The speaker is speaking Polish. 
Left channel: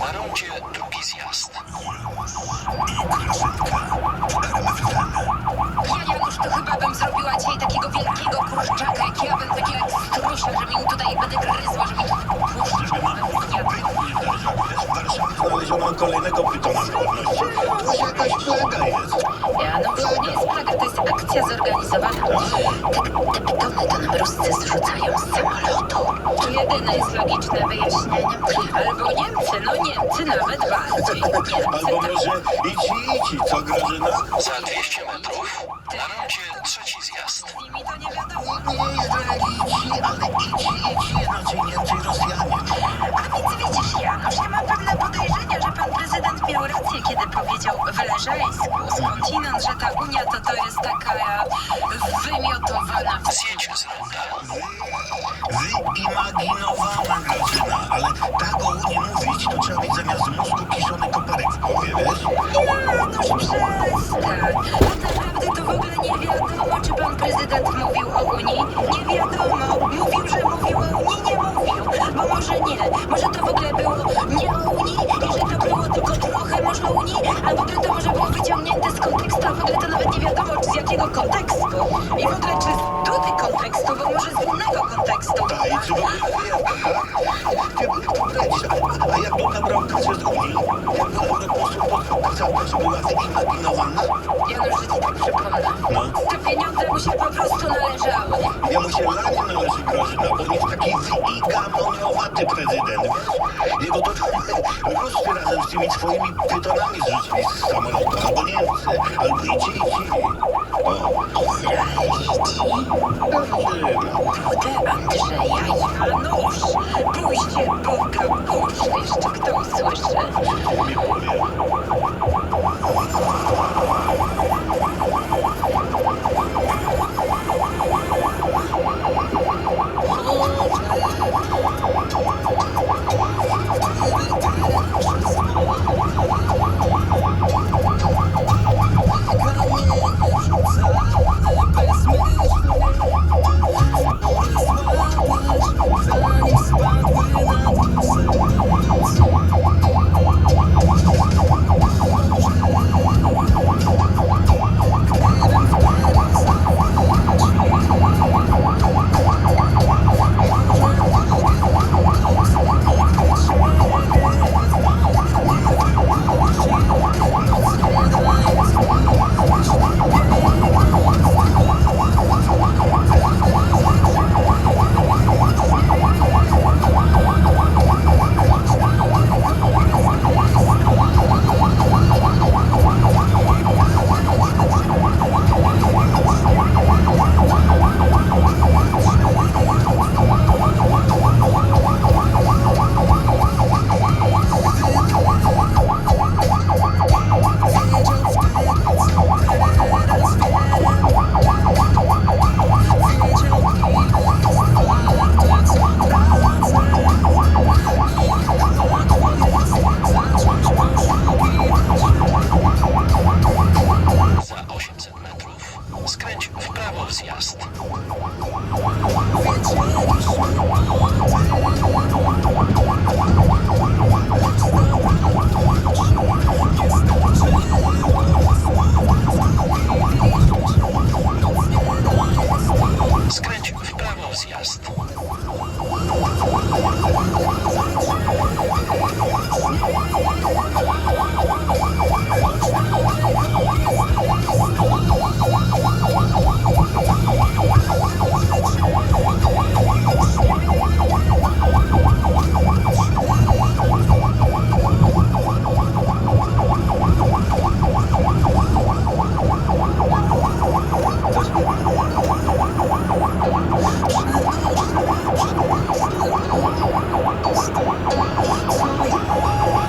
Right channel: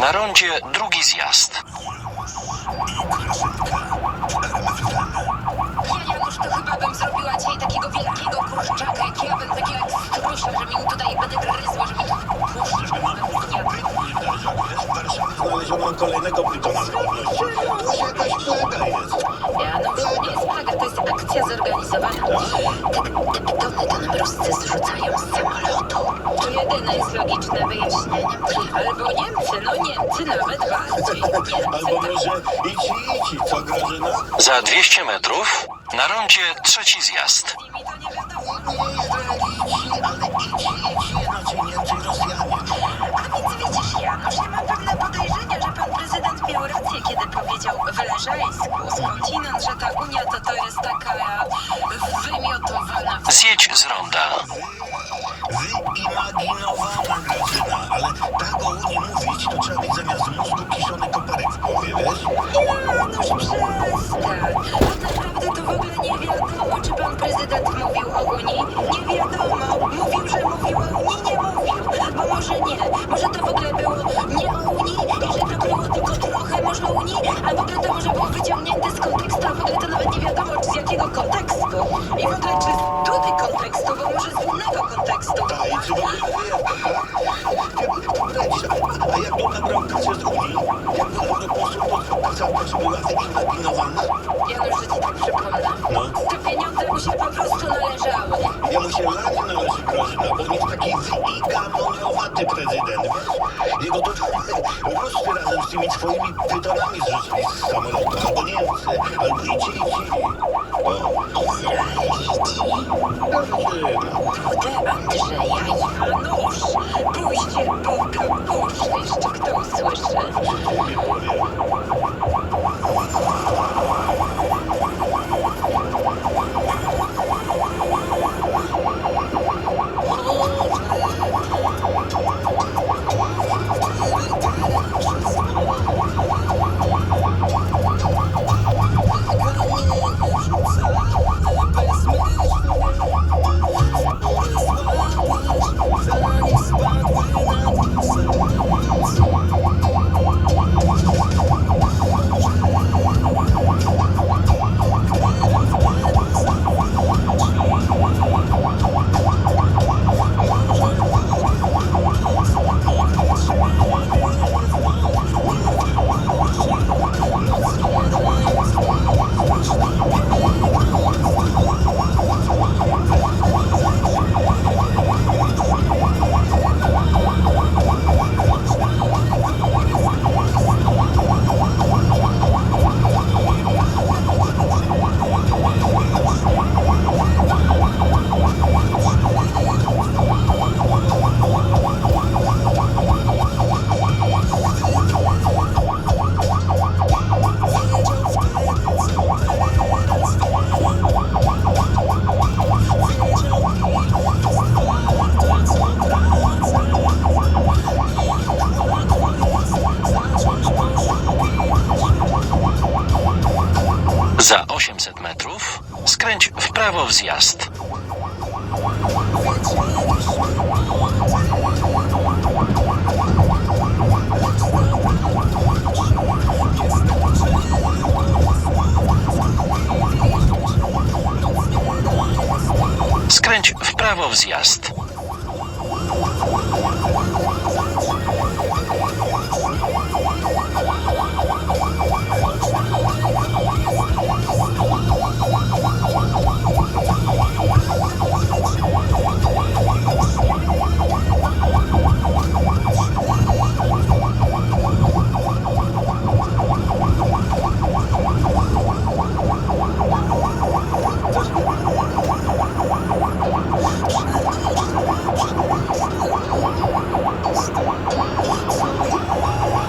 Na rondzie drugi zjazd. Janusz, to chyba bym zrobiła dzisiaj takiego wielkiego kurczaka, jak ja bym takiego strusia, że mi tutaj będę gryzła, że mi Znaleziono kolejnego pytona z pewnością. To już jakaś plaga jest. Janusz, to nie jest plaga, to jest akcja zorganizowana. Te pytony to nam Ruscy zrzucają z samolotu. Jedyne jest logiczne wyjaśnienie. Albo Niemcy, no Niemcy nawet bardziej. Albo może idź, co Grażyna? Za 200 metrów na rondzie trzeci zjazd. Nie Izraelici, ale idź, inaczej Niemcy i Rosjanie. Widzisz, Janusz, ja mam pewne podejrzenia, że pan prezydent miał rację, kiedy powiedział w Leżajsku skądinąd, że ta Unia to jest taka wymiotowana. Zjedź z ronda. Wyimaginowana Grażyna, ale tak o Unii mówić, to trzeba mieć zamiast mózgu kiszony koperek w głowie, wiesz? Janusz, przestań. Naprawdę to w ogóle nie wiadomo, czy pan prezydent mówił o Unii. Nie wiadomo. Mówił, że mówił o Unii, nie mówił. Bo może nie. Może to w ogóle było nie o Unii i że to było tylko trochę może o Unii, a w ogóle to może było wyciągnięte z kontekstu, a w ogóle to nawet nie wiadomo, czy z jakiego kontekstu. I w ogóle czy z drugiego kontekstu, bo może z innego kontekstu. I czy w ogóle a jak to nabrał kasę z Unii? Jak w Europejsku kasarka, czy była wyimaginowana? Janusz, że ci tak przypomnę. No. Te pieniądze mu się po prostu należały. Jemu się lanie należy Grażyna, bo on jest taki wyimaginowaty prezydent, wiesz? Jego to Ruscy razem z tymi swoimi pytonami zrzucili z samolotu, albo Niemcy, albo idź. O, Kurde, Andrzeja, Janusz, pójście Boga, Boże, jeszcze kto usłyszy. Za 800 metrów skręć w prawo w zjazd.